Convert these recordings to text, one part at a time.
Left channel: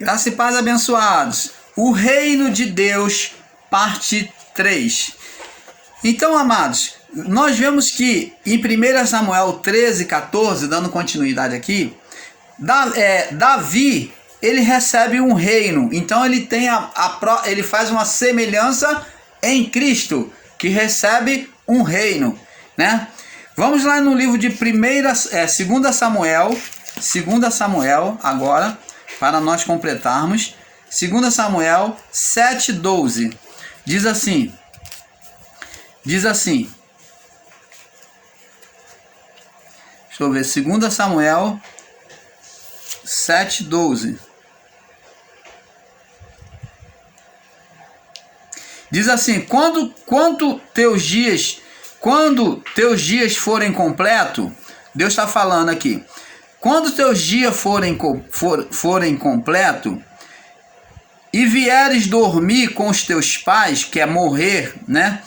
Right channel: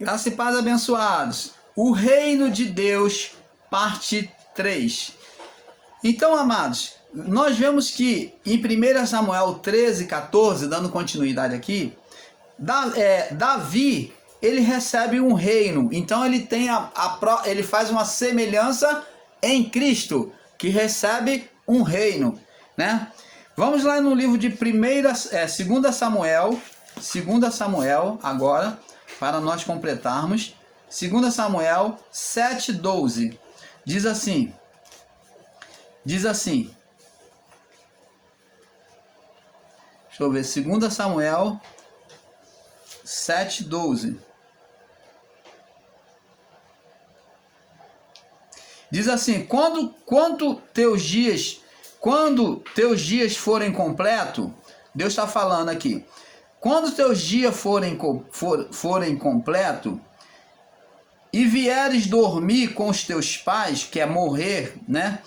Graça e paz, abençoados. O reino de Deus, parte 3. Então, amados, nós vemos que em 1 Samuel 13, 14, dando continuidade aqui, Davi, ele recebe um reino. Então ele tem ele faz uma semelhança em Cristo, que recebe um reino, né? Vamos lá no livro de 2 Samuel agora, para nós completarmos. 2 Samuel 7:12. Diz assim. Deixa eu ver, 2 Samuel 7:12. Diz assim: quando teus dias forem completos, Deus está falando aqui, quando teus dias forem completos, e vieres dormir com os teus pais, que é morrer, né?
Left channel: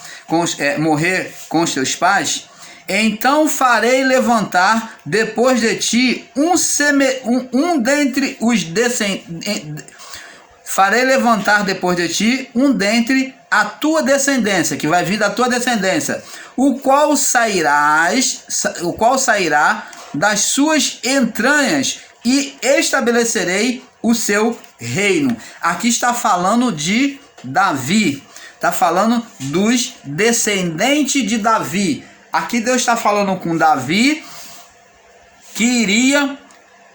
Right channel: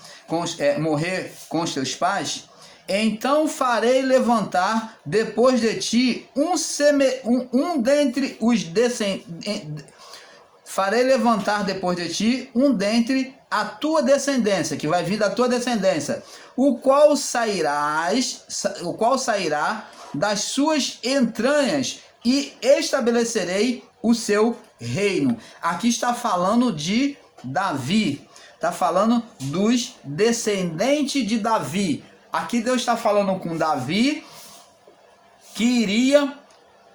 Morrer com os teus pais, então farei levantar depois de ti dentre a tua descendência, que vai vir da tua descendência, o qual sairá das suas entranhas, e estabelecerei o seu reino. Aqui está falando de Davi, está falando dos descendentes de Davi. Aqui Deus está falando com Davi, que iria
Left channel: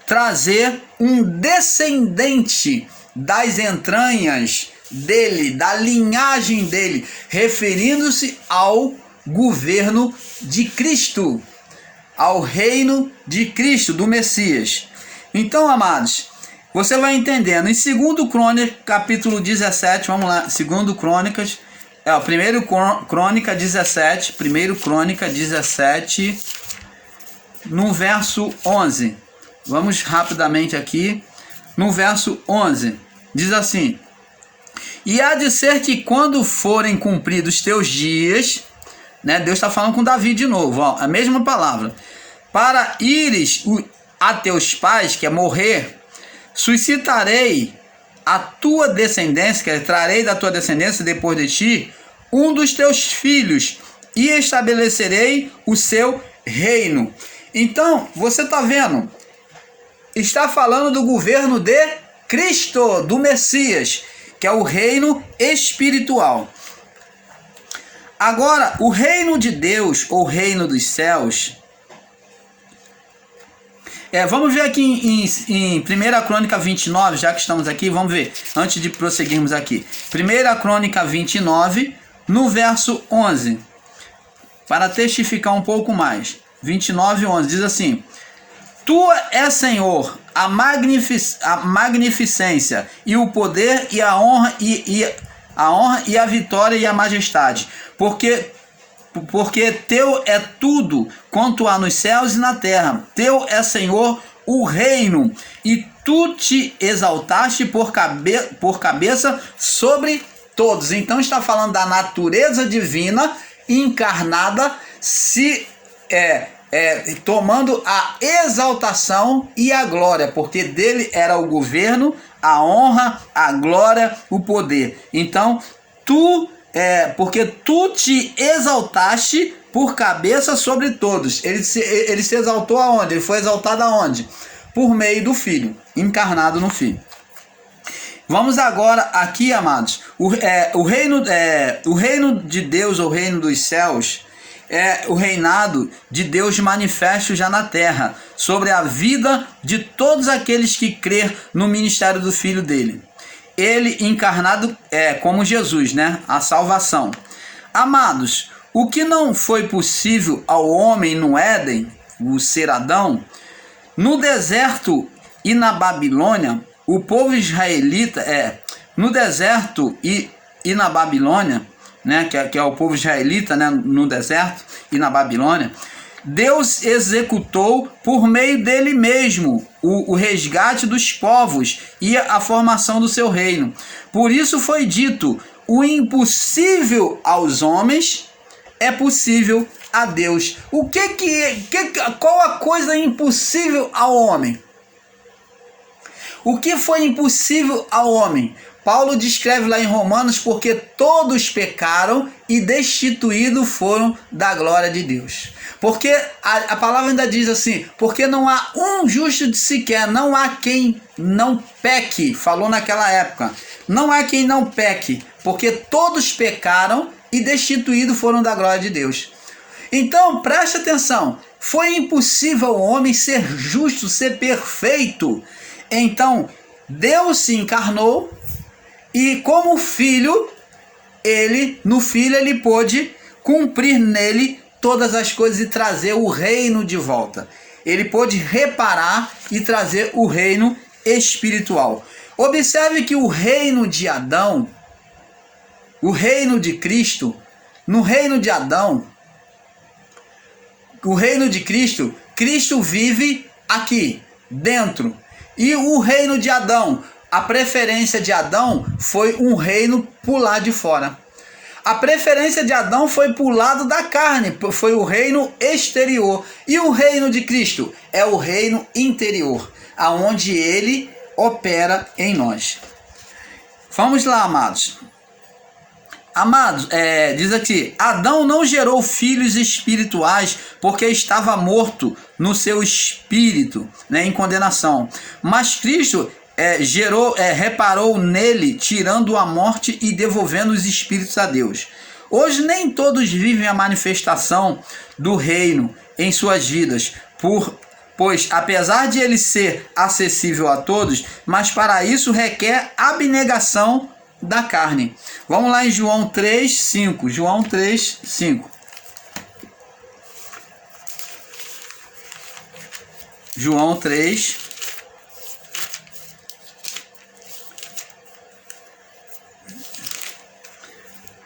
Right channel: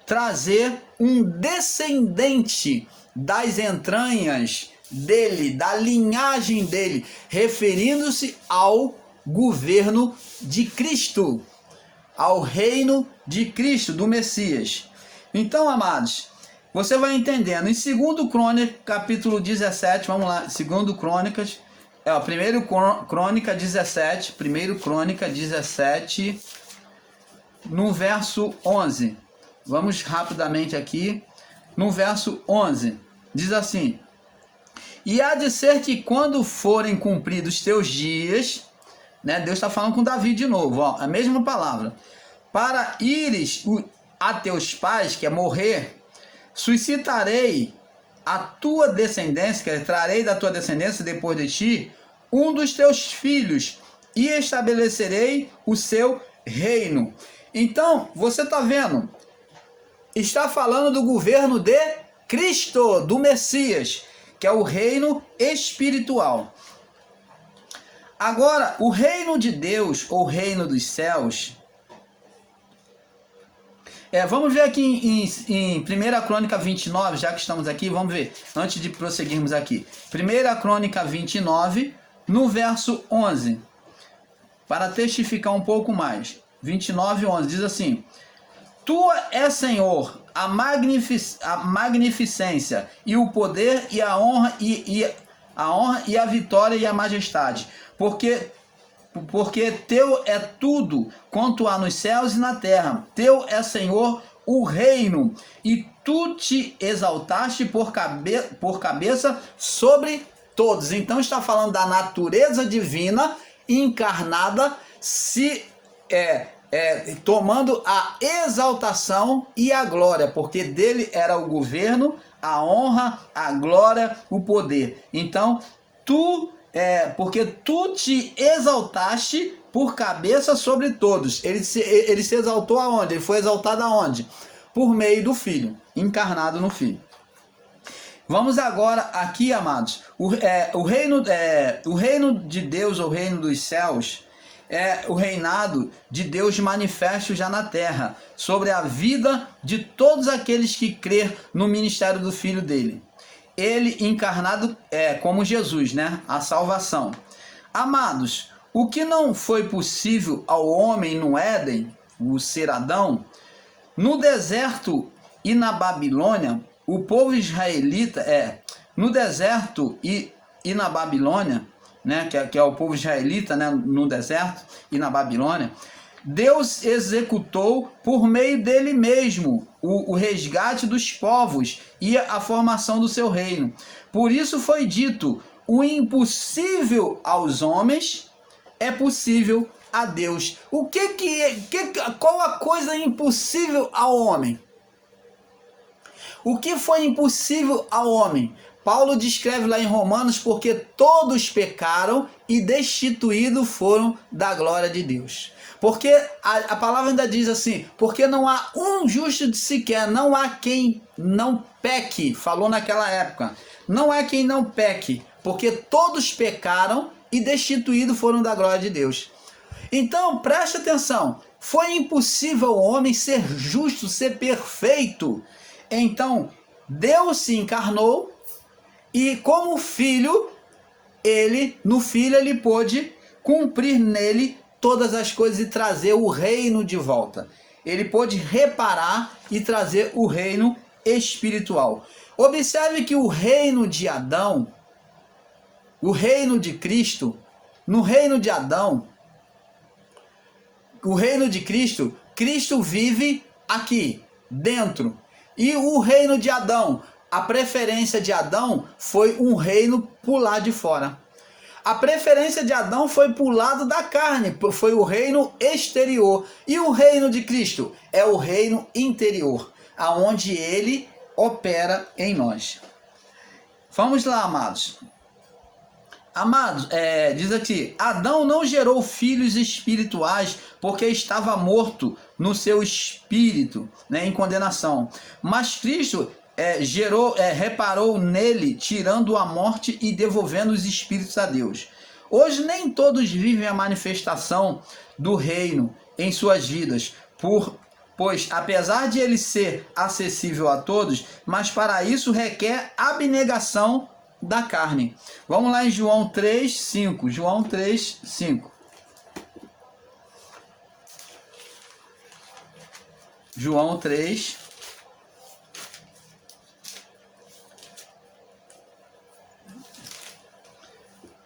trazer um descendente das entranhas dele, da linhagem dele, referindo-se ao governo de Cristo, ao reino de Cristo, do Messias. Então, amados, você vai entendendo. Em 2 Crônicas, capítulo 17, vamos lá, 2 Crônicas, 1 Crônica 17, 1 Crônica 17, no verso 11. Vamos rapidamente aqui, no verso 11, diz assim: e há de ser que quando forem cumpridos os teus dias, né, Deus está falando com Davi de novo, ó, a mesma palavra, para ires a teus pais, que é morrer, suscitarei a tua descendência, que é, trarei da tua descendência depois de ti, um dos teus filhos, e estabelecerei o seu reino. Então, você está vendo, está falando do governo de Cristo, do Messias, que é o reino espiritual. Agora, o reino de Deus, ou reino dos céus, vamos ver aqui em 1 Crônica 29, já que estamos aqui, vamos ver, antes de prosseguirmos aqui. 1 Crônica 29, no verso 11, para testificar um pouco mais. 29, 11, diz assim: tua é, Senhor, a magnificência, e o poder, e a honra, e a vitória, e a majestade, porque teu é tudo quanto há nos céus e na terra. Teu é, Senhor, o reino, e tu te exaltaste por cabeça sobre todos. Então está falando da natureza divina encarnada, tomando a exaltação e a glória, porque dele era o governo, a honra, a glória, o poder. Então porque tu te exaltaste por cabeça sobre todos. Ele se exaltou aonde? Ele foi exaltado aonde? Por meio do Filho, encarnado no Filho. Vamos agora aqui, amados, o reino de Deus, ou reino dos céus, é o reinado de Deus manifesto já na terra, sobre a vida de todos aqueles que crer no ministério do Filho dele. Ele encarnado como Jesus, né? A salvação. Amados, o que não foi possível ao homem no Éden, o ser Adão, no deserto e na Babilônia, o povo israelita, no deserto e na Babilônia, né? Que é o povo israelita, né? No deserto e na Babilônia, Deus executou por meio dele mesmo o resgate dos povos e a formação do seu reino. Por isso foi dito: o impossível aos homens é possível a Deus. Qual a coisa impossível ao homem? O que foi impossível ao homem? Paulo descreve lá em Romanos, porque todos pecaram e destituídos foram da glória de Deus. Porque a palavra ainda diz assim, porque não há um justo de sequer, não há quem não peque, falou naquela época. Não há quem não peque, porque todos pecaram e destituídos foram da glória de Deus. Então, preste atenção, foi impossível ao homem ser justo, ser perfeito. Então, Deus se encarnou e como filho, no filho ele pôde cumprir nele todas as coisas e trazer o reino de volta. Ele pôde reparar e trazer o reino espiritual. Observe que o reino de Adão, o reino de Cristo, no reino de Adão, o reino de Cristo, Cristo vive aqui, dentro. E o reino de Adão, a preferência de Adão foi um reino por lá de fora. A preferência de Adão foi para o lado da carne, foi o reino exterior. E o reino de Cristo é o reino interior, aonde ele opera em nós. Vamos lá, amados. Amados, diz aqui, Adão não gerou filhos espirituais porque estava morto no seu espírito, né, em condenação. Mas Cristo reparou nele, tirando a morte e devolvendo os espíritos a Deus. Hoje nem todos vivem a manifestação do reino em suas vidas, pois apesar de ele ser acessível a todos, mas para isso requer abnegação da carne. Vamos lá em João 3:5. João 3:5. João 3.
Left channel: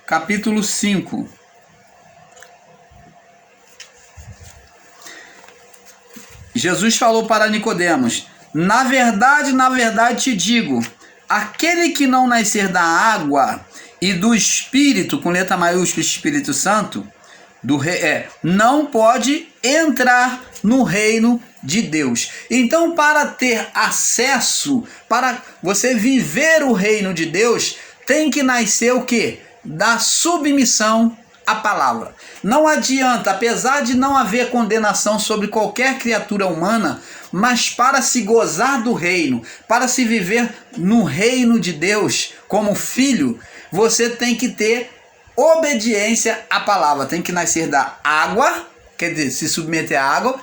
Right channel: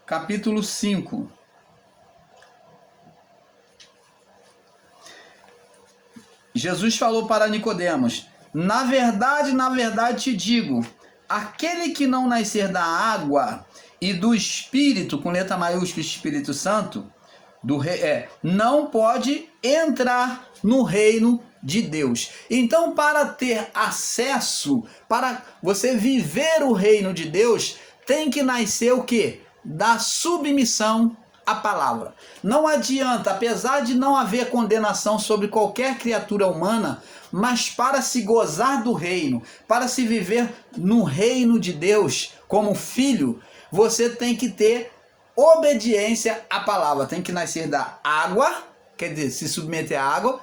Capítulo 5. Jesus falou para Nicodemos: na verdade te digo, aquele que não nascer da água e do Espírito, com letra maiúscula, Espírito Santo, não pode entrar no reino de Deus. Então, para ter acesso, para você viver o reino de Deus, tem que nascer o quê? Da submissão à palavra. Não adianta, apesar de não haver condenação sobre qualquer criatura humana, mas para se gozar do reino, para se viver no reino de Deus como filho, você tem que ter obediência à palavra. Tem que nascer da água, quer dizer, se submeter à água,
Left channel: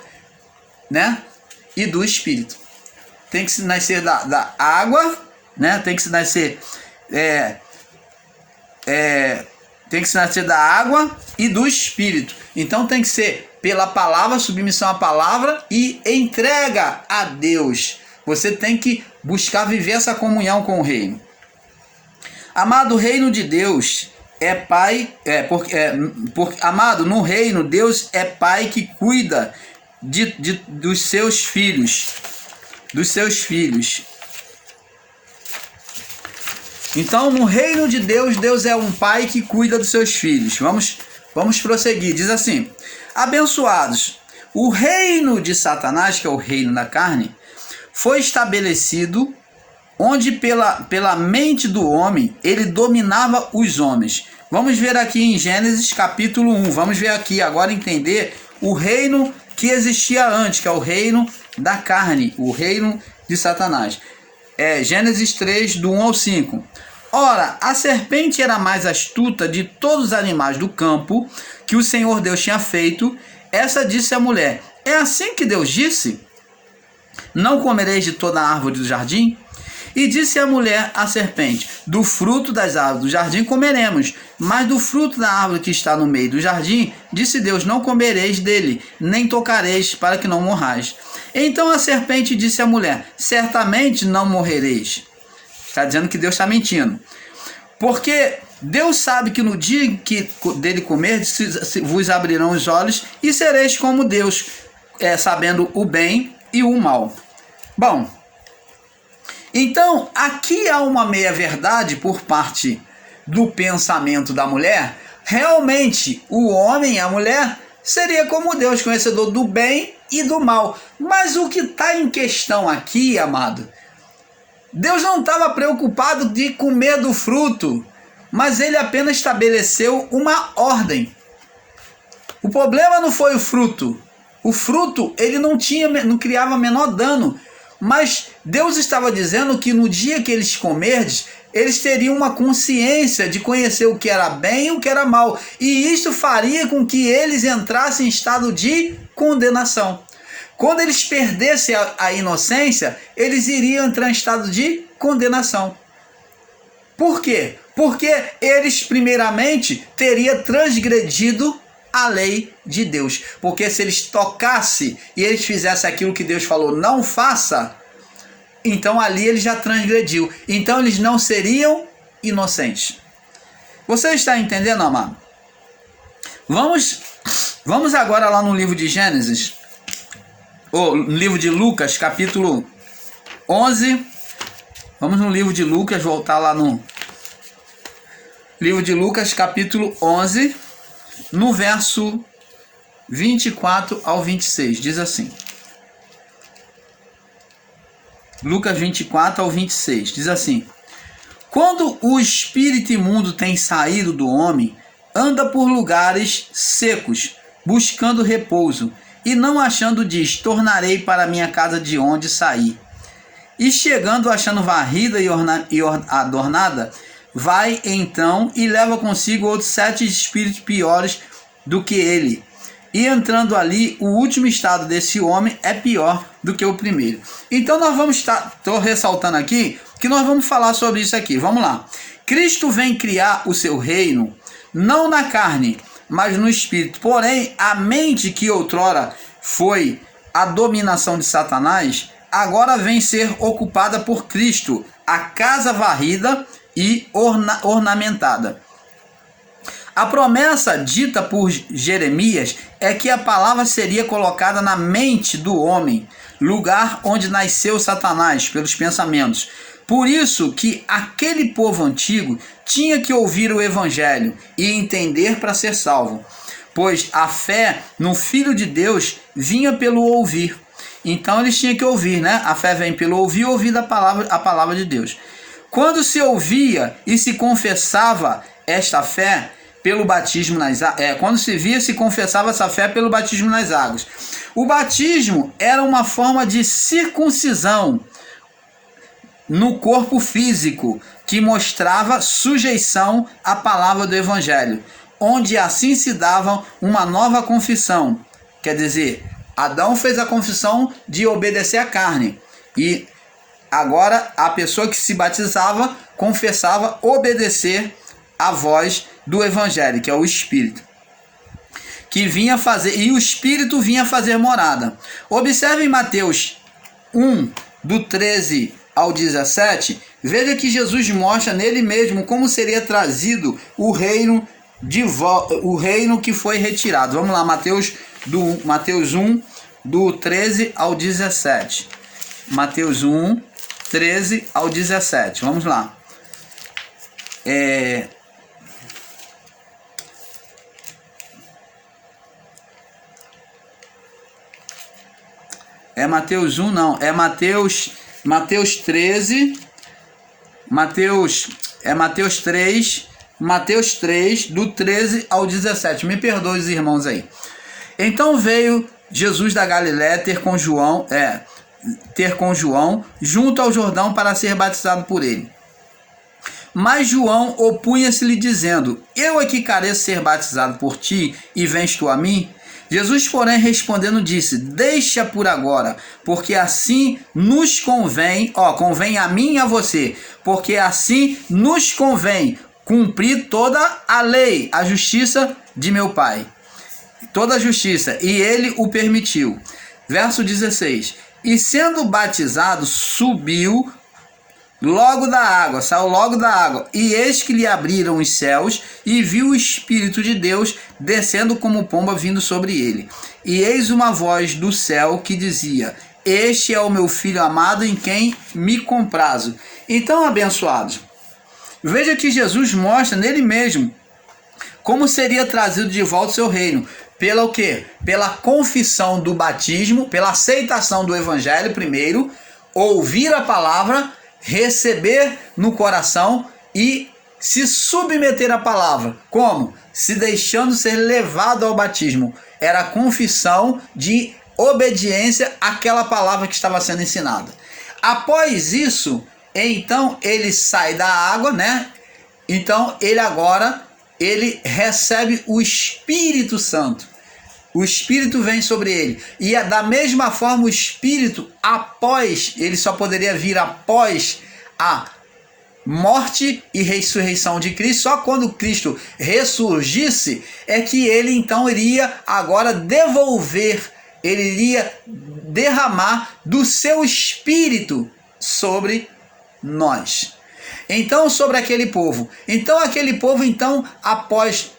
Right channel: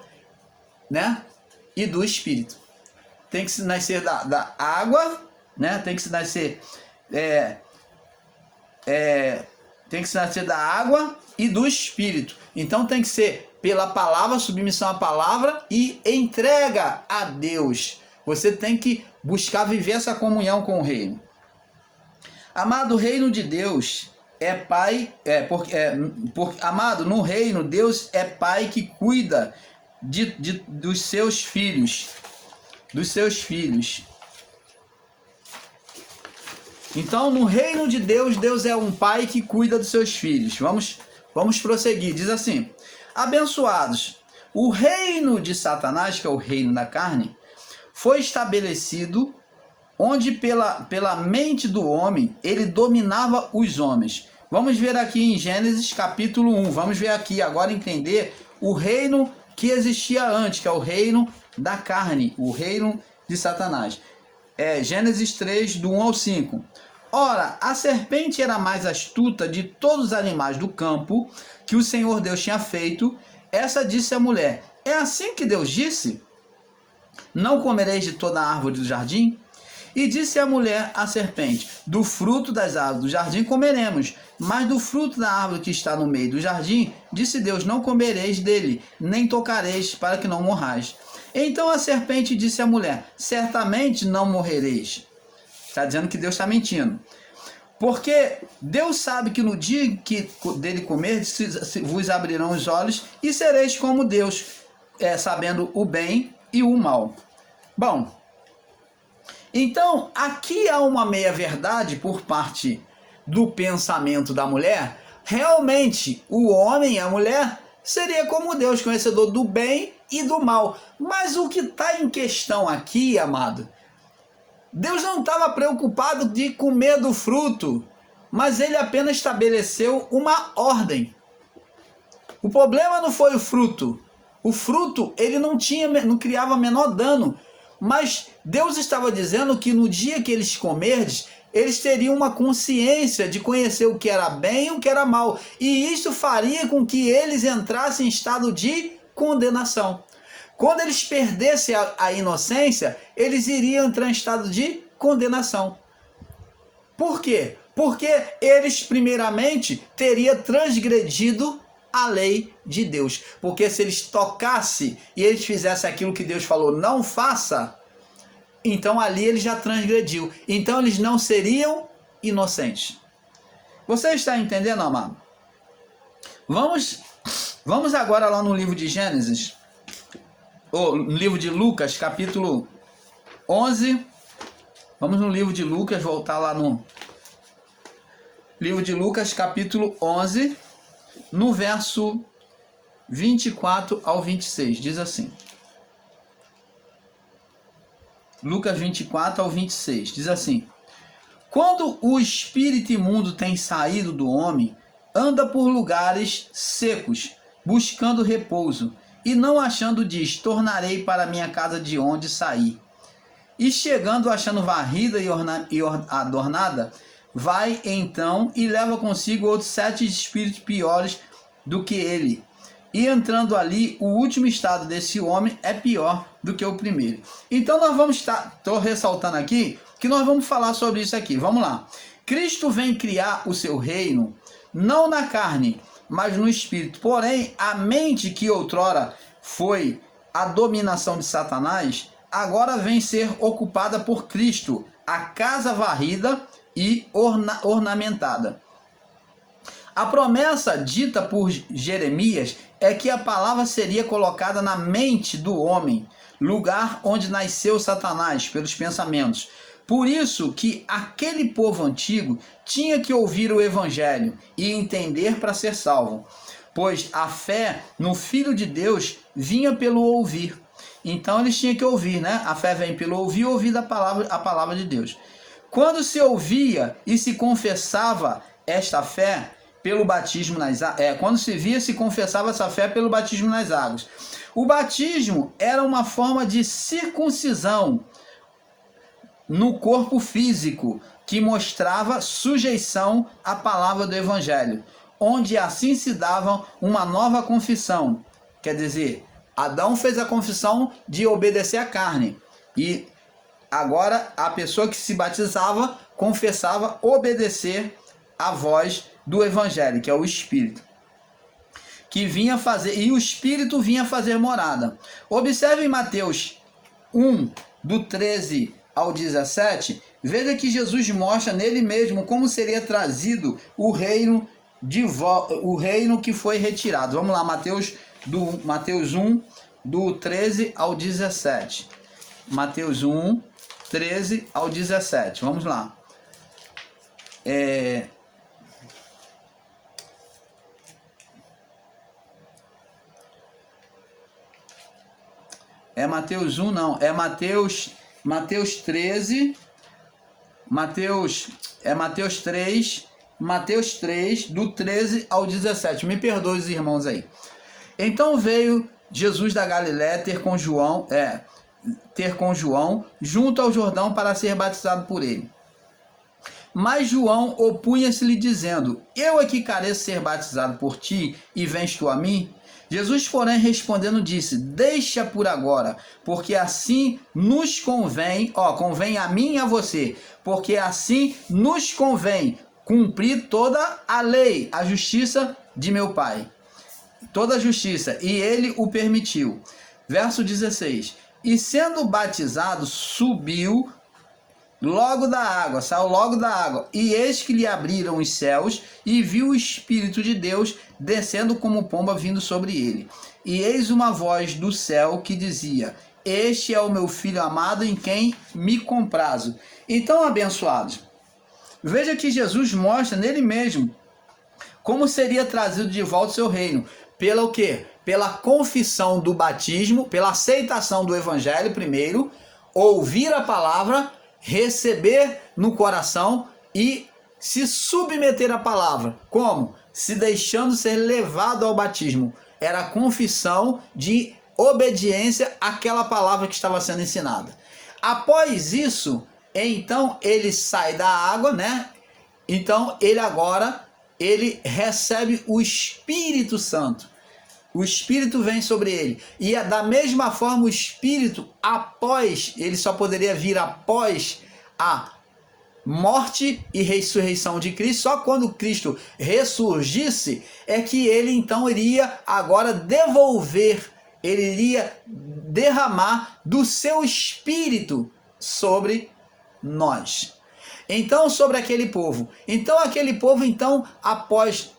né? E do Espírito. Tem que se nascer da água, né? Tem que se nascer tem que se nascer da água e do Espírito. Então tem que ser pela palavra, submissão à palavra e entrega a Deus. Você tem que buscar viver essa comunhão com o reino. Amado, o reino de Deus é pai, amado, no reino Deus é pai que cuida dos seus filhos. Dos seus filhos. Então, no reino de Deus, Deus é um pai que cuida dos seus filhos. Vamos prosseguir. Diz assim: abençoados, o reino de Satanás, que é o reino da carne, foi estabelecido onde pela mente do homem ele dominava os homens. Vamos ver aqui em Gênesis capítulo 1. Vamos ver aqui agora entender o reino que existia antes, que é o reino da carne, o reino de Satanás. Gênesis 3, do 1 ao 5. Ora, a serpente era mais astuta de todos os animais do campo que o Senhor Deus tinha feito. Essa disse à mulher: é assim que Deus disse? Não comereis de toda a árvore do jardim? E disse a mulher à serpente: do fruto das árvores do jardim comeremos, mas do fruto da árvore que está no meio do jardim, disse Deus: não comereis dele, nem tocareis, para que não morrais. Então a serpente disse à mulher: certamente não morrereis. Está dizendo que Deus está mentindo. Porque Deus sabe que no dia que dele comer, vos abrirão os olhos e sereis como Deus, sabendo o bem e o mal. Bom, então aqui há uma meia-verdade por parte do pensamento da mulher. Realmente, o homem e a mulher seria como Deus, conhecedor do bem e do mal. Mas o que está em questão aqui, amado, Deus não estava preocupado de comer do fruto, mas ele apenas estabeleceu uma ordem. O problema não foi o fruto. O fruto, ele não criava menor dano. Mas Deus estava dizendo que no dia que eles comerdes, eles teriam uma consciência de conhecer o que era bem e o que era mal. E isso faria com que eles entrassem em estado de condenação. Quando eles perdessem a inocência, eles iriam entrar em estado de condenação. Por quê? Porque eles, primeiramente, teriam transgredido a lei de Deus. Porque se eles tocassem e eles fizessem aquilo que Deus falou, não faça, então ali ele já transgrediu. Então eles não seriam inocentes. Você está entendendo, amado? Vamos agora lá no livro de Gênesis, ou no livro de Lucas, capítulo 11. Vamos no livro de Lucas, voltar lá no livro de Lucas, capítulo 11, no verso 24 ao 26, diz assim. Lucas 24 ao 26, diz assim: quando o espírito imundo tem saído do homem, anda por lugares secos, buscando repouso, e não achando diz, tornarei para minha casa de onde saí. E chegando, achando varrida e adornada, vai então e leva consigo outros 7 espíritos piores do que ele. E entrando ali, o último estado desse homem é pior do que o primeiro. Então nós vamos estou ressaltando aqui que nós vamos falar sobre isso aqui. Vamos lá. Cristo vem criar o seu reino, não na carne, mas no espírito. Porém, a mente que outrora foi a dominação de Satanás, agora vem ser ocupada por Cristo, a casa varrida e ornamentada. A promessa dita por Jeremias é que a palavra seria colocada na mente do homem, lugar onde nasceu Satanás pelos pensamentos. Por isso que aquele povo antigo tinha que ouvir o evangelho e entender para ser salvo, pois a fé no Filho de Deus vinha pelo ouvir. Então eles tinham que ouvir, né? A fé vem pelo ouvir, ouvir a palavra de Deus. Quando se ouvia e se confessava esta fé pelo batismo nas águas, quando se via, se confessava essa fé pelo batismo nas águas. O batismo era uma forma de circuncisão no corpo físico, que mostrava sujeição à palavra do evangelho, onde assim se dava uma nova confissão. Quer dizer, Adão fez a confissão de obedecer à carne, e agora a pessoa que se batizava confessava obedecer à voz do evangelho, que é o Espírito, que vinha fazer, e o Espírito vinha fazer morada. Observe em Mateus 1, do 13 ao 17, veja que Jesus mostra nele mesmo como seria trazido o reino o reino que foi retirado. Vamos lá, Mateus 1, do 13 ao 17. Mateus 1, 13 ao 17. Vamos lá. Mateus 1, não. É Mateus 13. Mateus 3, do 13 ao 17. Me perdoe os irmãos aí. Então veio Jesus da Galiléia ter com João junto ao Jordão para ser batizado por ele. Mas João opunha-se-lhe dizendo: eu é que careço ser batizado por ti, e vens tu a mim? Jesus, porém, respondendo, disse: deixa por agora, porque assim nos convém, convém a mim e a você, porque assim nos convém cumprir toda a lei, a justiça de meu Pai. Toda a justiça, e ele o permitiu. Verso 16: e sendo batizado, saiu logo da água, e eis que lhe abriram os céus, e viu o Espírito de Deus descendo como pomba vindo sobre ele. E eis uma voz do céu que dizia: este é o meu Filho amado, em quem me comprazo. Então, abençoados, veja que Jesus mostra nele mesmo como seria trazido de volta o seu reino. Pela o quê? Pela confissão do batismo, pela aceitação do evangelho primeiro, ouvir a palavra receber no coração e se submeter à palavra. Como? Se deixando ser levado ao batismo. Era a confissão de obediência àquela palavra que estava sendo ensinada. Após isso, então ele sai da água, né? Então ele recebe o Espírito Santo. O Espírito vem sobre ele. E da mesma forma o Espírito, ele só poderia vir após a morte e ressurreição de Cristo. Só quando Cristo ressurgisse é que ele então iria agora ele iria derramar do seu Espírito sobre nós. Então, sobre aquele povo. Então, após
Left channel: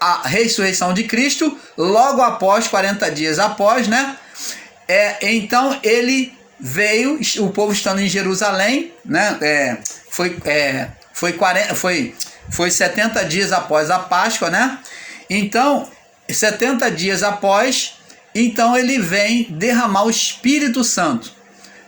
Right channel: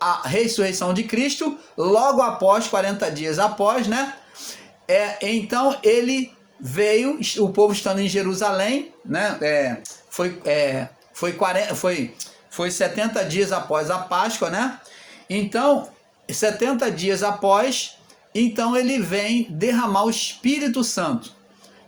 a ressurreição de Cristo, logo após, 40 dias após, né? Então, ele veio, o povo estando em Jerusalém, né? Foi 70 dias após a Páscoa, né? Então, 70 dias após, então ele vem derramar o Espírito Santo.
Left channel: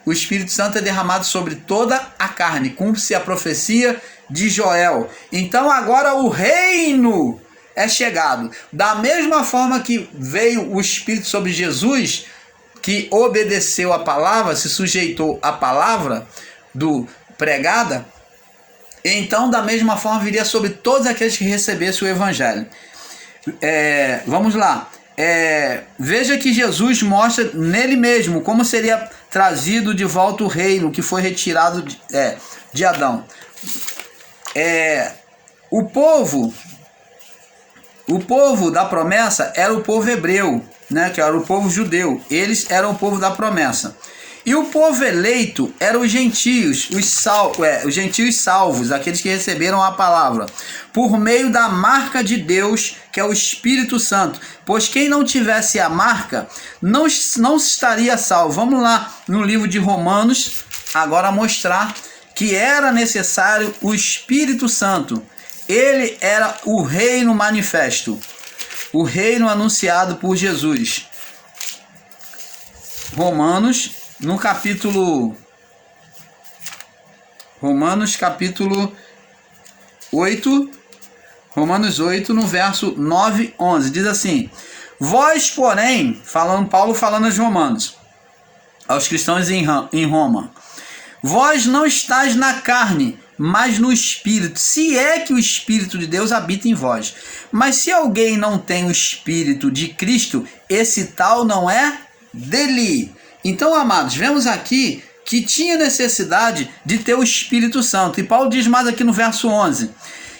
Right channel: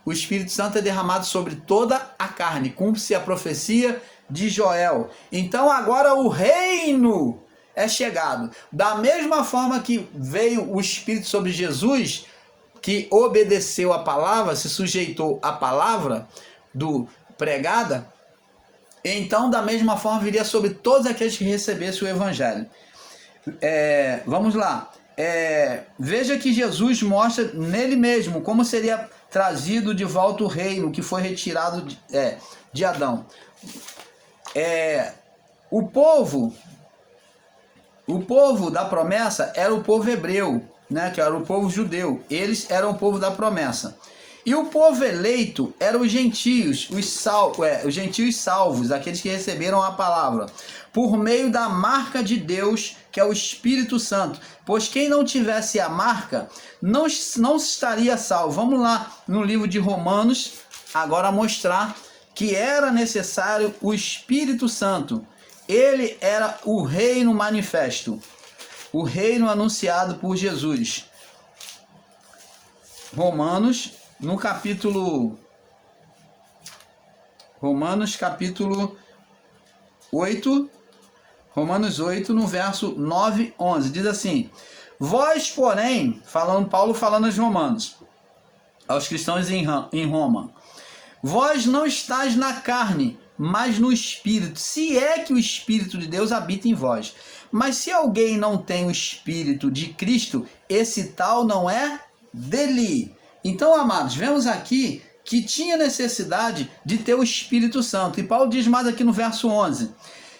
O Espírito Santo é derramado sobre toda a carne, cumpre-se a profecia de Joel. Então agora o reino é chegado. Da mesma forma que veio o Espírito sobre Jesus, que obedeceu a palavra, se sujeitou à palavra pregada, então da mesma forma viria sobre todos aqueles que recebessem o Evangelho. Vamos lá. Veja que Jesus mostra nele mesmo como seria trazido de volta o reino que foi retirado de Adão. O povo da promessa era o povo hebreu, né, que era o povo judeu. Eles eram o povo da promessa. E o povo eleito eram os gentios, os gentios salvos, aqueles que receberam a palavra, por meio da marca de Deus, que é o Espírito Santo. Pois quem não tivesse a marca, não estaria salvo. Vamos lá no livro de Romanos, agora mostrar que era necessário o Espírito Santo. Ele era o reino manifesto, o reino anunciado por Jesus. Romanos capítulo 8, Romanos 8, no verso 9, 11, diz assim: vós, porém, Paulo falando aos romanos, aos cristãos em Roma, vós não estáis na carne, mas no Espírito, se é que o Espírito de Deus habita em vós. Mas se alguém não tem o Espírito de Cristo, esse tal não é dele. Então, amados, vemos aqui que tinha necessidade de ter o Espírito Santo. E Paulo diz mais aqui no verso 11:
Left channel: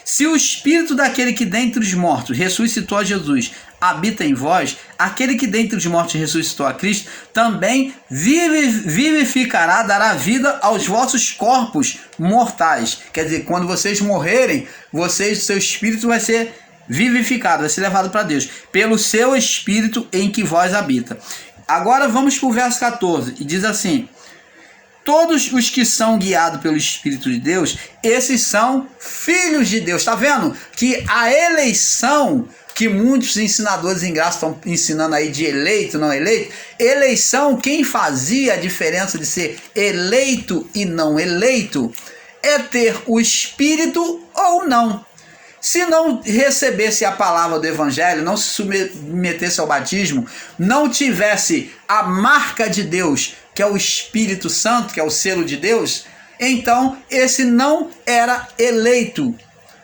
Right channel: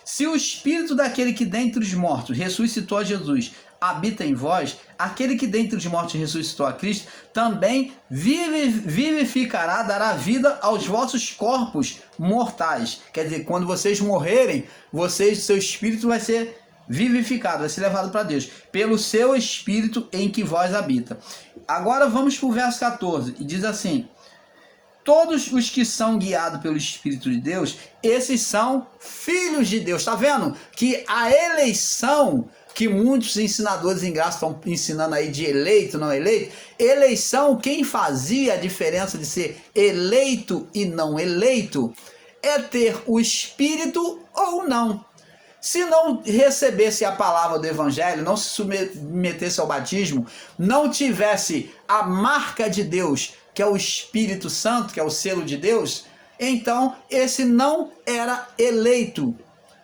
se o Espírito daquele que dentre os mortos ressuscitou a Jesus habita em vós, aquele que dentre os mortos ressuscitou a Cristo, também vivificará, dará vida aos vossos corpos mortais. Quer dizer, quando vocês morrerem, seu espírito vai ser vivificado, vai ser levado para Deus, pelo seu Espírito em que vós habita. Agora vamos para o verso 14, e diz assim: todos os que são guiados pelo Espírito de Deus, esses são filhos de Deus. Está vendo que a eleição, que muitos ensinadores em graça estão ensinando aí de eleito, não eleito, eleição, quem fazia a diferença de ser eleito e não eleito, é ter o Espírito ou não. Se não recebesse a palavra do Evangelho, não se submetesse ao batismo, não tivesse a marca de Deus, que é o Espírito Santo, que é o selo de Deus, então esse não era eleito,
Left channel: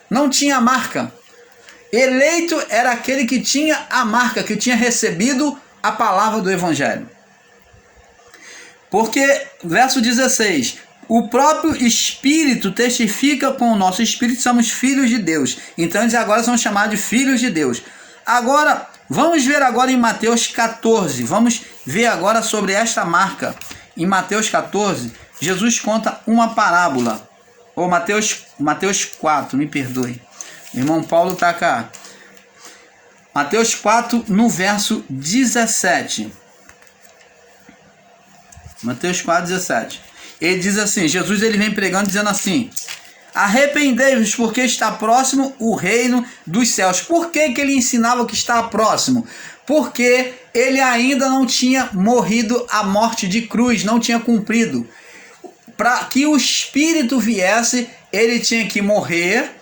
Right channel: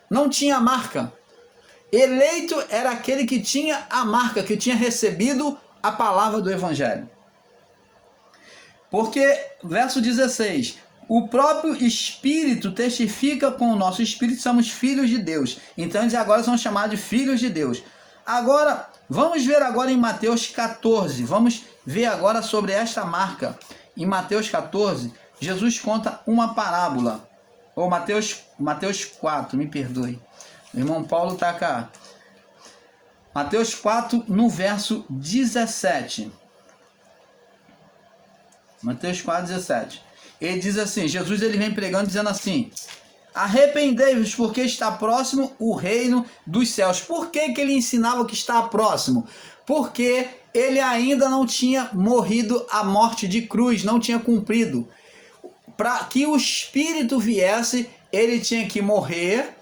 não tinha marca. Eleito era aquele que tinha a marca, que tinha recebido a palavra do Evangelho. Porque, verso 16, o próprio Espírito testifica com o nosso Espírito que somos filhos de Deus. Então eles agora são chamados de filhos de Deus. Agora, vamos ver agora em Mateus 14, vamos ver agora sobre esta marca. Em Mateus 14, Jesus conta uma parábola. Ou Mateus 4, me perdoe. Irmão Paulo está cá. Mateus 4, no verso 17. Mateus 4, 17. Ele diz assim, Jesus ele vem pregando dizendo assim: arrependei-vos, porque está próximo o reino dos céus. Por que ele ensinava que está próximo? Porque ele ainda não tinha morrido a morte de cruz, não tinha cumprido. para que o Espírito viesse, ele tinha que morrer,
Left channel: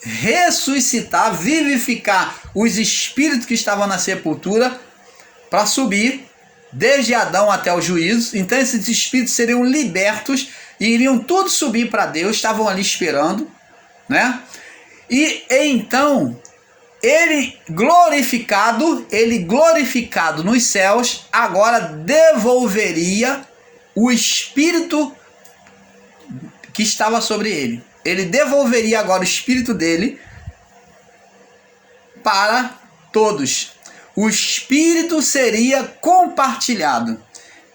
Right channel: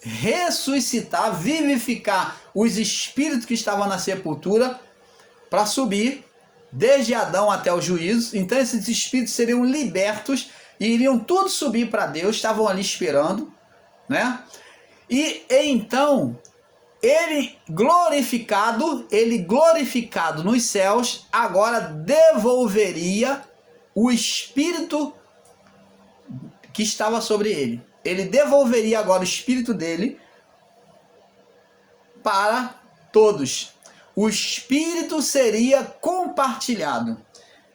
ressuscitar, vivificar os espíritos que estavam na sepultura para subir desde Adão até o juízo. Então esses espíritos seriam libertos e iriam todos subir para Deus, estavam ali esperando, né? E então ele glorificado nos céus, agora devolveria o espírito que estava sobre ele. Ele devolveria agora o espírito dele para todos. O espírito seria compartilhado,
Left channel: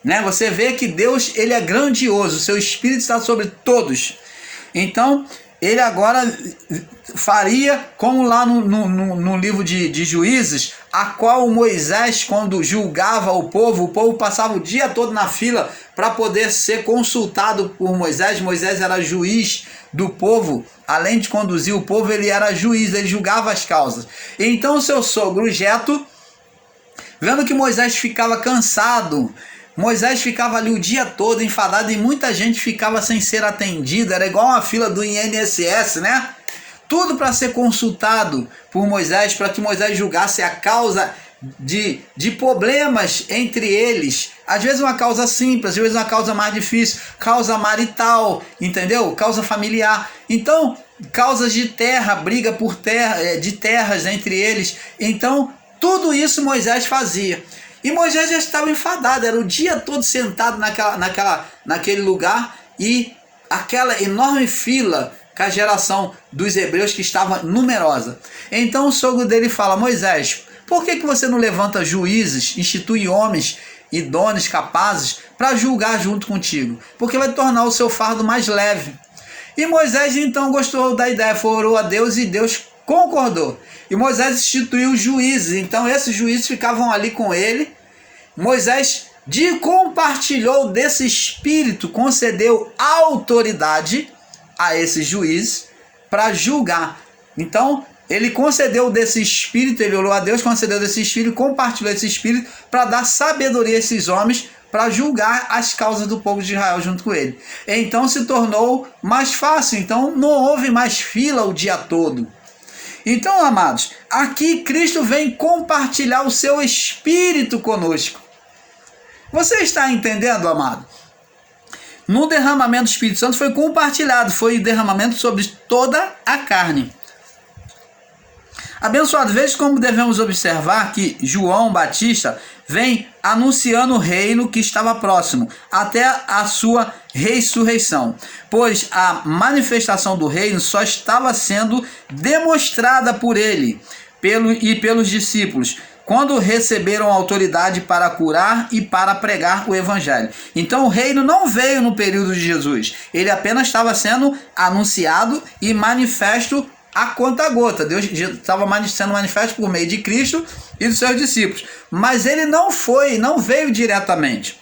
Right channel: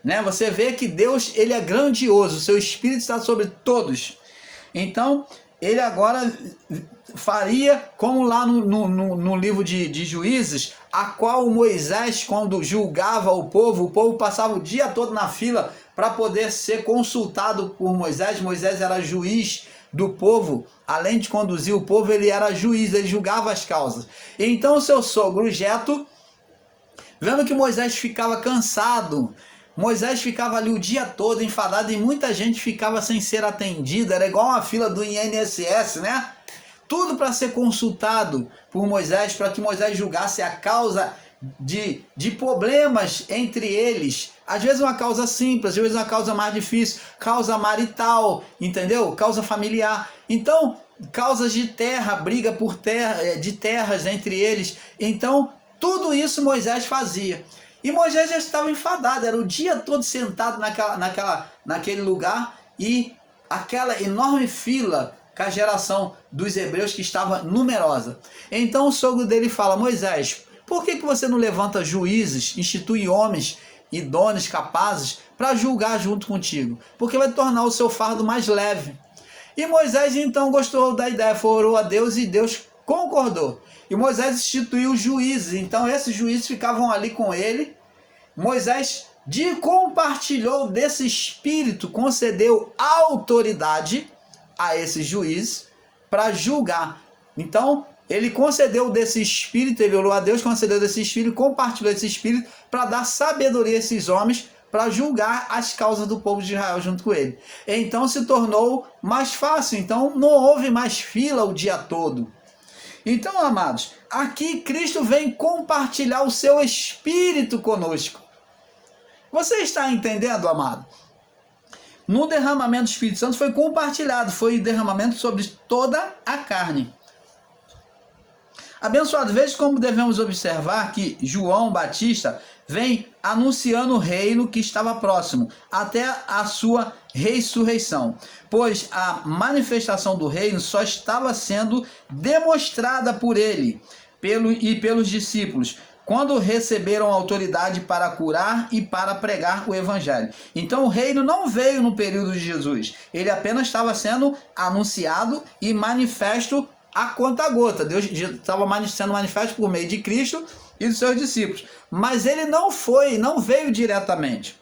né? Você vê que Deus, ele é grandioso, o seu espírito está sobre todos. Então ele agora faria como lá no livro de Juízes, a qual Moisés, quando julgava o povo passava o dia todo na fila para poder ser consultado por Moisés. Moisés era juiz do povo, além de conduzir o povo, ele era juiz, ele julgava as causas. Então o seu sogro Jetro, vendo que Moisés ficava cansado, Moisés ficava ali o dia todo enfadado e muita gente ficava sem ser atendida, era igual uma fila do INSS, né? Tudo para ser consultado por Moisés, para que Moisés julgasse a causa de problemas entre eles. Às vezes uma causa simples, às vezes uma causa mais difícil, causa marital, entendeu? Causa familiar. Então, causas de terra, briga por terra, de terras entre eles. Então, tudo isso Moisés fazia. E Moisés já estava enfadado, era o dia todo sentado naquele lugar e aquela enorme fila com a geração dos hebreus que estava numerosa. Então o sogro dele fala: Moisés, por que você não levanta juízes, institui homens idôneos, capazes, para julgar junto contigo? Porque vai tornar o seu fardo mais leve. E Moisés então gostou da ideia, orou a Deus e Deus concordou. E Moisés instituiu juízes, então esses juízes ficavam ali com ele. Moisés compartilhou desse espírito, concedeu autoridade a esses juízes para julgar. Então ele concedeu desse espírito, ele orou a Deus, concedeu desse espírito, compartilhou esse espírito para dar sabedoria a esses homens para julgar as causas do povo de Israel junto com ele. Então se tornou mais fácil, então não houve mais fila o dia todo. Então, amados, aqui Cristo vem compartilhar o seu espírito conosco. Você está entendendo, amado? No derramamento do Espírito Santo foi compartilhado, foi derramamento sobre toda a carne. Abençoado, veja como devemos observar que João Batista vem anunciando o reino que estava próximo, até a sua ressurreição, pois a manifestação do reino só estava sendo demonstrada por ele e pelos discípulos, quando receberam autoridade para curar e para pregar o evangelho. Então o reino não veio no período de Jesus, ele apenas estava sendo anunciado e manifesto a conta-gota. Deus estava sendo manifesto por meio de Cristo e dos seus discípulos, mas ele não veio diretamente,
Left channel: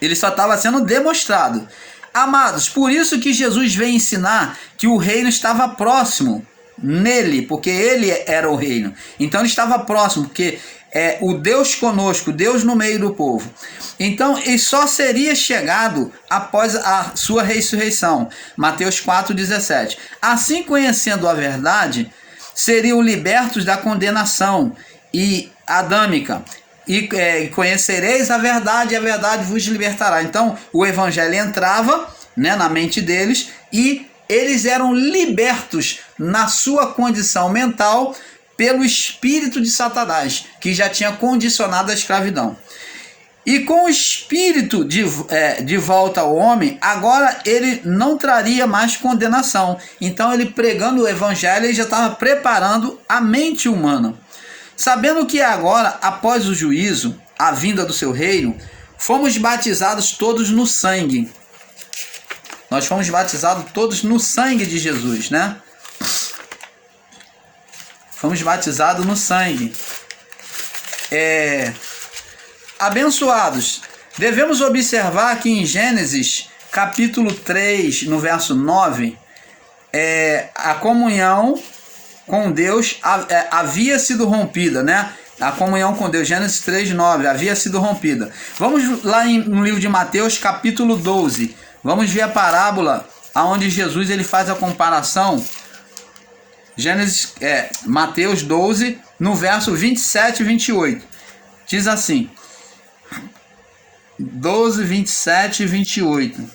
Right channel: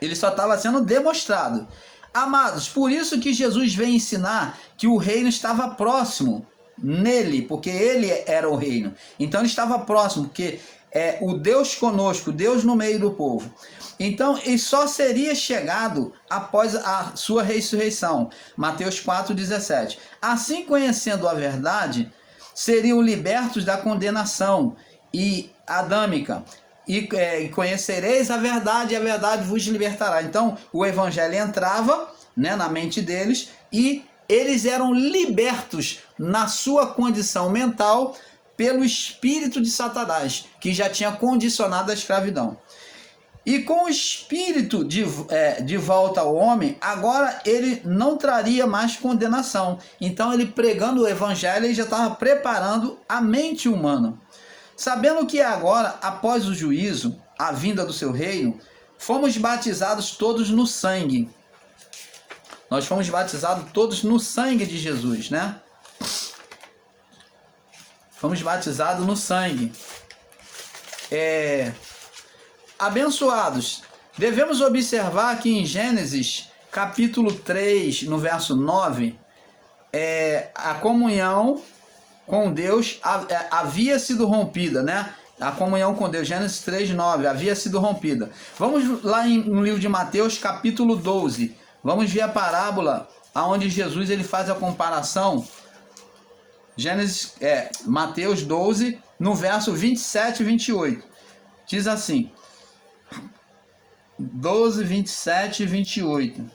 ele só estava sendo demonstrado. Amados, por isso que Jesus veio ensinar que o reino estava próximo nele, porque ele era o reino. Então ele estava próximo, porque é o Deus conosco, Deus no meio do povo. Então ele só seria chegado após a sua ressurreição. Mateus 4,17. Assim, conhecendo a verdade, seriam libertos da condenação e adâmica. E conhecereis a verdade, e a verdade vos libertará. Então o evangelho entrava, né, na mente deles, e eles eram libertos na sua condição mental pelo espírito de Satanás, que já tinha condicionado a escravidão. E com o espírito de volta ao homem, agora ele não traria mais condenação. Então ele, pregando o evangelho, ele já estava preparando a mente humana. Sabendo que agora, após o juízo, a vinda do seu reino, fomos batizados todos no sangue. Nós fomos batizados todos no sangue de Jesus, né? Fomos batizados no sangue. Abençoados, devemos observar que em Gênesis, capítulo 3, no verso 9, a comunhão com Deus havia sido rompida, né? A comunhão com Deus, Gênesis 3, 9, havia sido rompida. Vamos lá no livro de Mateus, capítulo 12, Vamos ver a parábola onde Jesus ele faz a comparação. Mateus 12, no verso 27 e 28. Diz assim, 12, 27 e 28.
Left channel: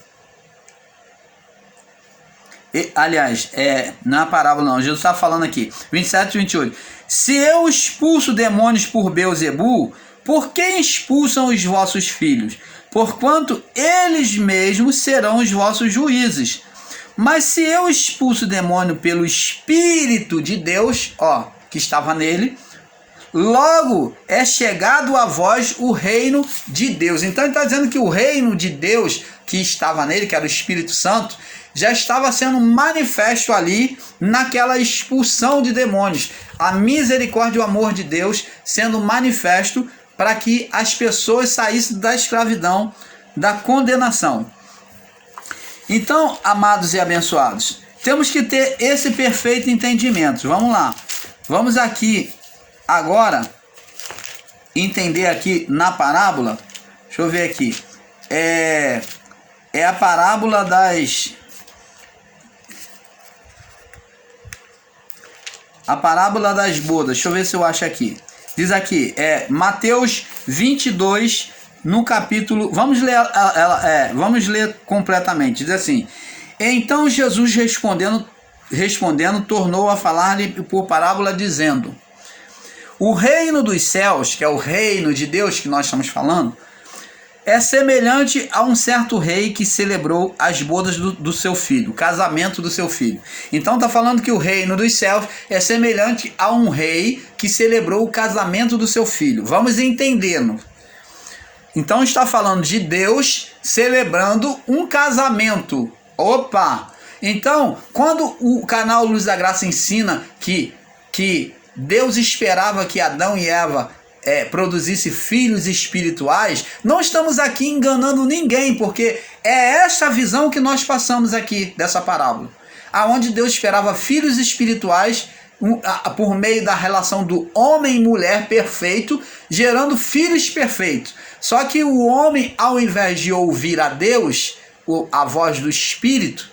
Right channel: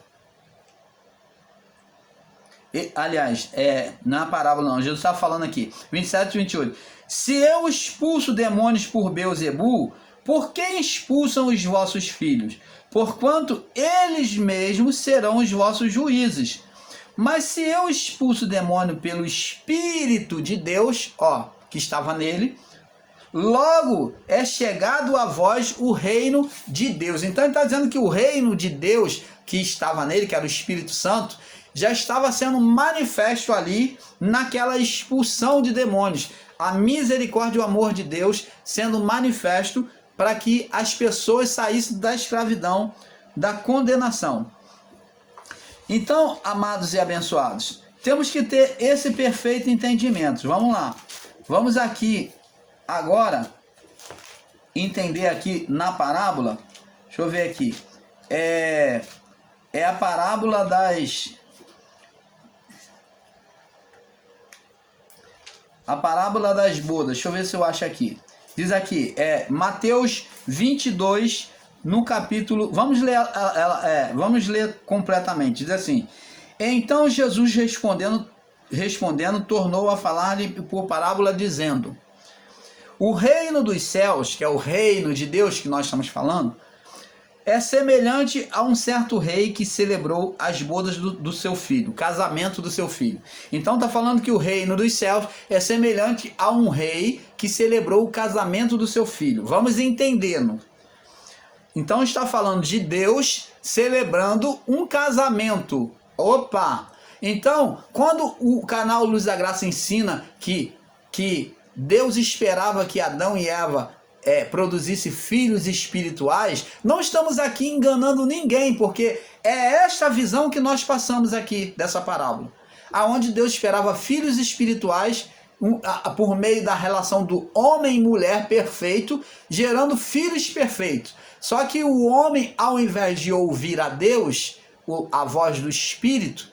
Na parábola não, Jesus está falando aqui, 27 e 28. Se eu expulso demônios por Beelzebul, por que expulsam os vossos filhos? Porquanto eles mesmos serão os vossos juízes. Mas se eu expulso o demônio pelo Espírito de Deus, que estava nele, logo é chegado a vós o reino de Deus. Então ele está dizendo que o reino de Deus que estava nele, que era o Espírito Santo, já estava sendo manifesto ali naquela expulsão de demônios. A misericórdia e o amor de Deus sendo manifesto para que as pessoas saíssem da escravidão, da condenação. Então, amados e abençoados, temos que ter esse perfeito entendimento. Vamos lá. Vamos aqui agora entender aqui na parábola. Deixa eu ver aqui. É a parábola das... A parábola das bodas. Deixa eu ver se eu acho aqui. Diz aqui, Mateus 22, no capítulo... Vamos ler completamente. Diz assim: Então Jesus respondendo, tornou a falar-lhe por parábola, dizendo: O reino dos céus, que é o reino de Deus que nós estamos falando, é semelhante a um certo rei que celebrou as bodas do seu filho, o casamento do seu filho. Então está falando que o reino dos céus é semelhante a um rei que celebrou o casamento do seu filho. Vamos entendendo. Então está falando de Deus celebrando um casamento. Opa! Então, quando o canal Luz da Graça ensina que Deus esperava que Adão e Eva produzisse filhos espirituais, não estamos aqui enganando ninguém, porque é esta visão que nós passamos aqui dessa parábola, aonde Deus esperava filhos espirituais por meio da relação do homem e mulher perfeito, gerando filhos perfeitos. Só que o homem, ao invés de ouvir a Deus, a voz do Espírito,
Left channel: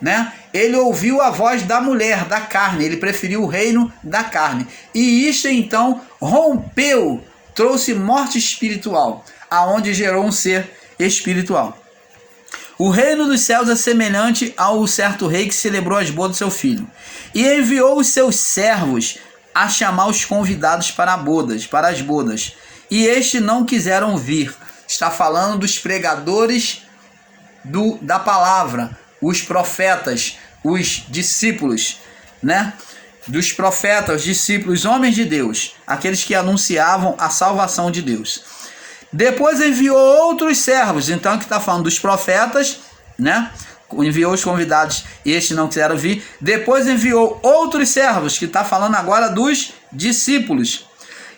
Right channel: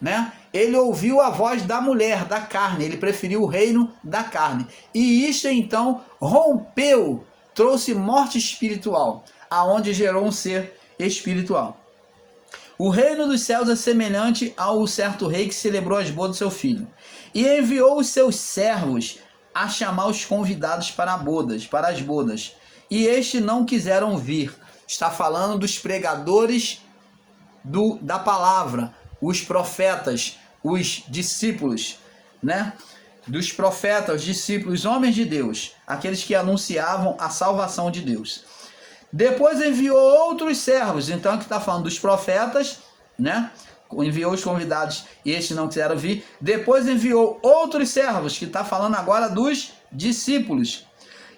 né, ele ouviu a voz da mulher, da carne, ele preferiu o reino da carne. E isto então rompeu, trouxe morte espiritual, aonde gerou um ser espiritual. O reino dos céus é semelhante ao certo rei que celebrou as bodas do seu filho, e enviou os seus servos a chamar os convidados para as bodas, e estes não quiseram vir. Está falando dos pregadores da palavra, os profetas, os discípulos, né? Dos profetas, discípulos, homens de Deus, aqueles que anunciavam a salvação de Deus. Depois enviou outros servos. Então aqui está falando dos profetas, né? Enviou os convidados e estes não quiseram vir. Depois enviou outros servos, que está falando agora dos discípulos.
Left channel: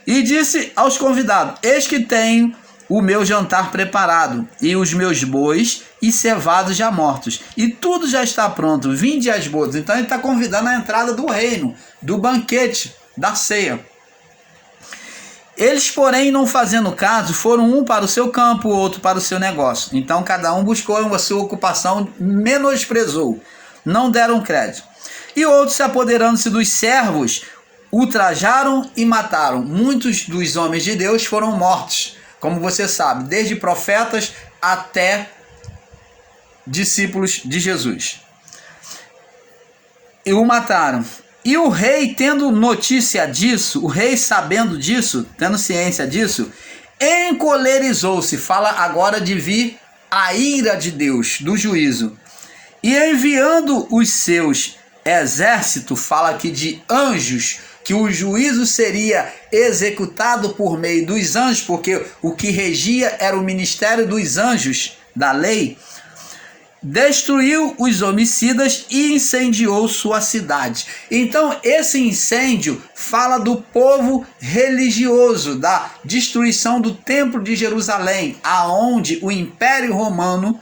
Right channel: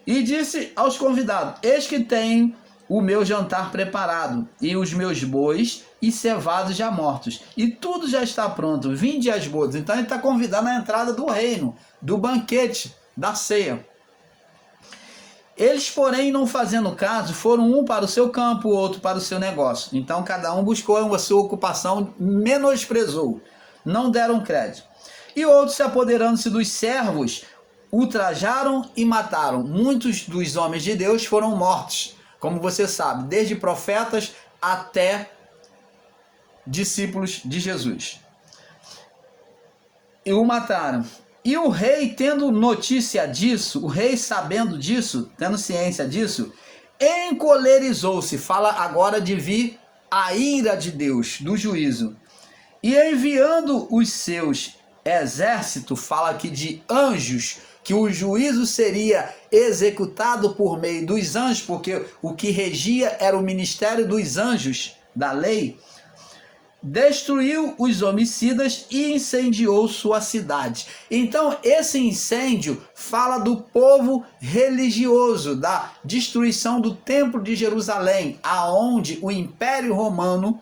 E disse aos convidados: Eis que tenho o meu jantar preparado, e os meus bois e cevados já mortos, e tudo já está pronto, vinde às bodas. Então ele está convidando a entrada do reino, do banquete, da ceia. Eles, porém, não fazendo caso, foram um para o seu campo, outro para o seu negócio. Então cada um buscou a sua ocupação, menosprezou, não deram crédito. E outros, se apoderando-se dos servos, ultrajaram e mataram. Muitos dos homens de Deus foram mortos, como você sabe, desde profetas até discípulos de Jesus. E o mataram. E o rei, tendo notícia disso, o rei sabendo disso, tendo ciência disso, encolerizou-se. Fala agora de vir a ira de Deus, do juízo. E enviando os seus exércitos, fala aqui de anjos, que o juízo seria executado por meio dos anjos, porque o que regia era o ministério dos anjos da lei, destruiu os homicidas e incendiou sua cidade. Então esse incêndio fala do povo religioso, da destruição do templo de Jerusalém, aonde o Império Romano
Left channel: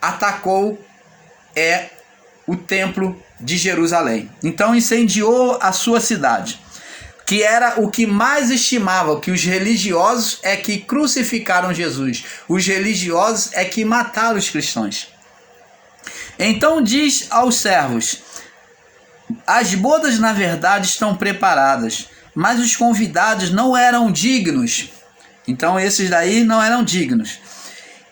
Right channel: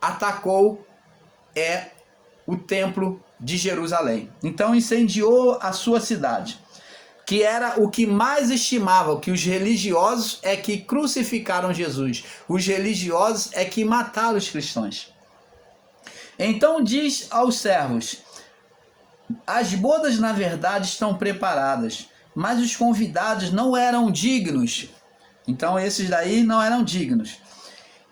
atacou o templo de Jerusalém. Então incendiou a sua cidade. que era o que mais estimava, que os religiosos é que crucificaram Jesus, os religiosos é que mataram os cristãos. Então diz aos servos: as bodas na verdade estão preparadas, mas os convidados não eram dignos. Então esses daí não eram dignos.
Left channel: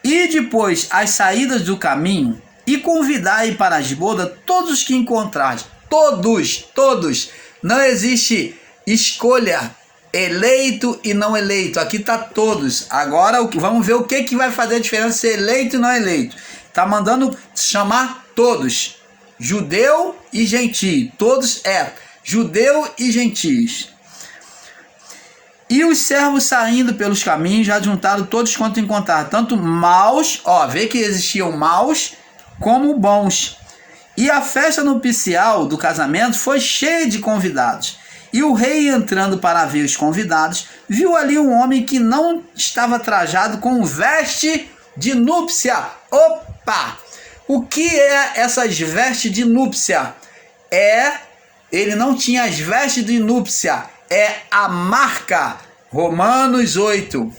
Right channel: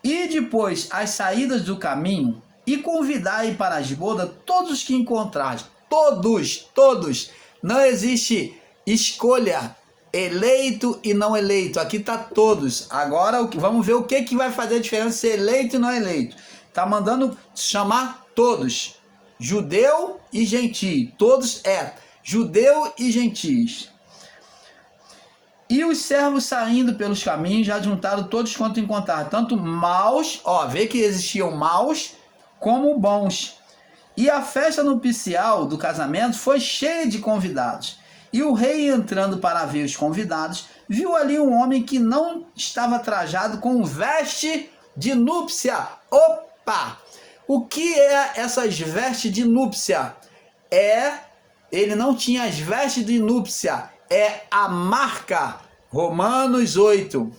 E depois as saídas do caminho, e convidai para as bodas todos os que encontrares. Todos. Não existe escolha eleito e não eleito. Aqui está todos. Agora vamos ver o que vai fazer a diferença ser eleito e não eleito. Está mandando chamar todos. Judeu e gentio. Todos judeu e gentios. E os servos saindo pelos caminhos já juntaram todos quanto encontraram, tanto maus, vê que existiam maus, como bons. E a festa nupcial do casamento foi cheia de convidados. E o rei, entrando para ver os convidados, viu ali um homem que não estava trajado com veste de núpcia. Opa! O que é essas vestes de núpcia? Ele não tinha as vestes de núpcia. É a marca. Romanos 8,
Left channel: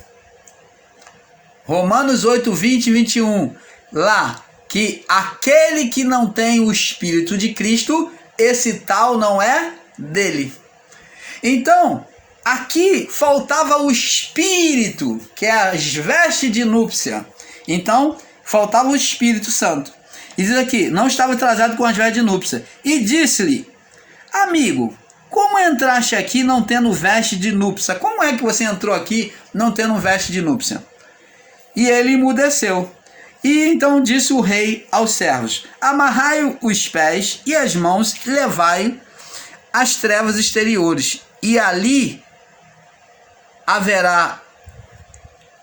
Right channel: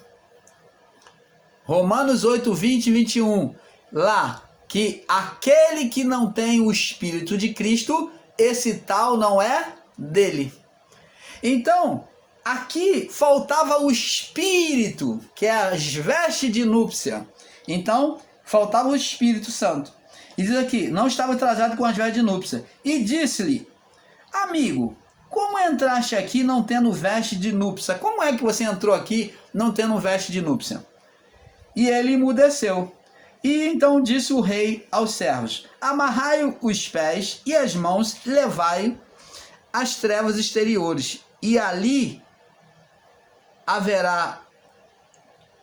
20 e 21. Lá, que aquele que não tem o Espírito de Cristo, esse tal não é dele. Então, aqui faltava o Espírito, que é as vestes de núpcia. Então, faltava o Espírito Santo. E diz aqui: não estava trajado com as vestes de núpcia. E disse-lhe: amigo, como entraste aqui não tendo veste de núpcia? Como é que você entrou aqui não tendo veste de núpcia? E ele emudeceu. E então disse o rei aos servos: amarrai os pés e as mãos, levai às trevas exteriores, e ali haverá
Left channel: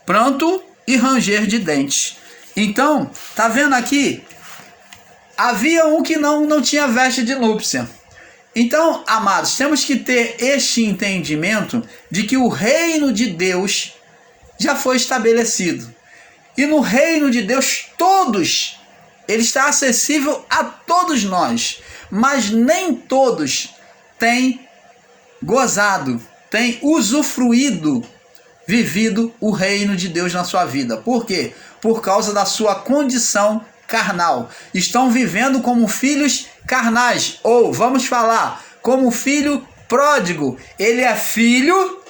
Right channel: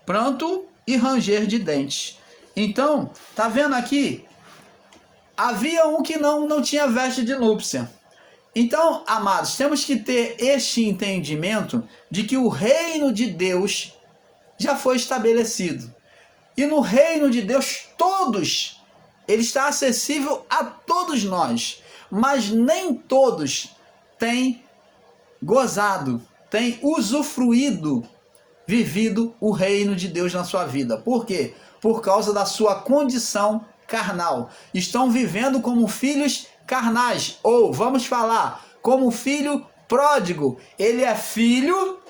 pranto e ranger de dentes. Então, tá vendo aqui? Havia um que não tinha veste de núpcia. Então, amados, temos que ter este entendimento de que o reino de Deus já foi estabelecido. E no reino de Deus, ele está acessível a todos nós. Mas nem todos têm gozado, têm usufruído, vivido o reino de Deus na sua vida. Por quê? Por causa da sua condição carnal. Estão vivendo como filhos carnais, ou vamos falar, como filho pródigo. Ele é filho,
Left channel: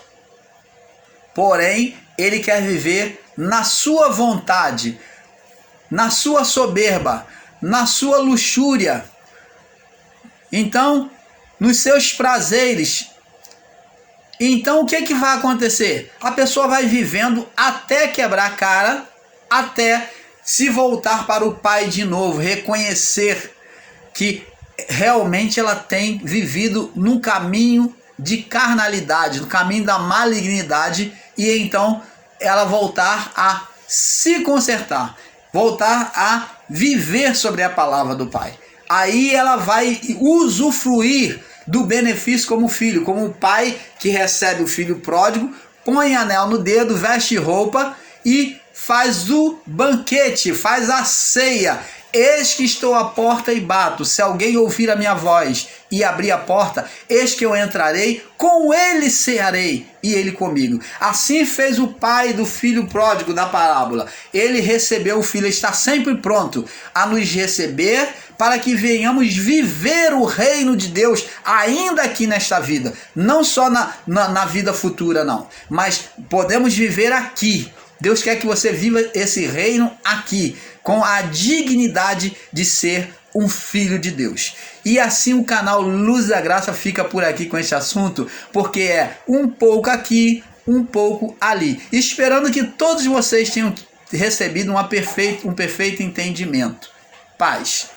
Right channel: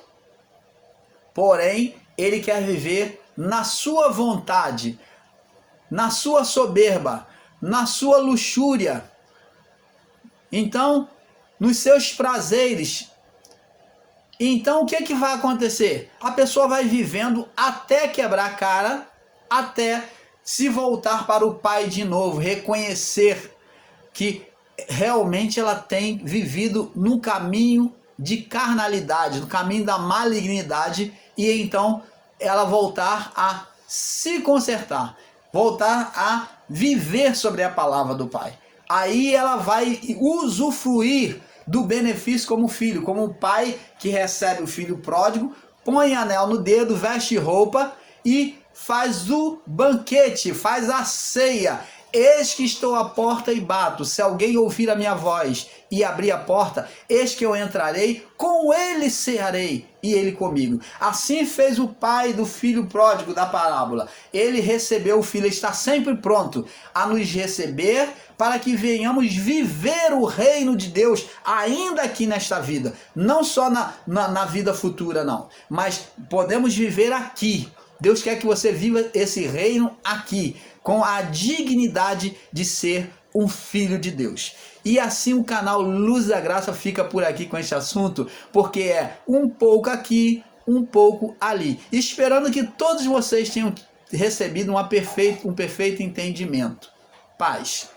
porém, ele quer viver na sua vontade, na sua soberba, na sua luxúria. Então, nos seus prazeres. Então, o que vai acontecer? A pessoa vai vivendo até quebrar a cara, até se voltar para o Pai de novo, reconhecer que realmente ela tem vivido num caminho de carnalidade, no caminho da malignidade, e então ela voltar a se consertar, voltar a viver sobre a palavra do Pai. Aí ela vai usufruir do benefício como filho, como o pai que recebe o filho pródigo, põe anel no dedo, veste roupa e faz o banquete, faz a ceia. Eis que estou à porta e bato. Se alguém ouvir a minha voz e abrir a porta, eis que eu entrarei, com ele cearei e ele comigo. Assim fez o pai do filho pródigo da parábola. Ele recebeu o filho, está sempre pronto a nos receber para que venhamos viver o reino de Deus ainda aqui nesta vida. Não só na vida futura, não. Mas podemos viver aqui. Deus quer que você viva esse reino aqui, com a dignidade de ser um filho de Deus. E assim o canal Luz da Graça fica por aqui com esse assunto, porque é um pouco aqui, um pouco ali. Esperando que todos vocês tenham recebido um perfeito entendimento. Paz.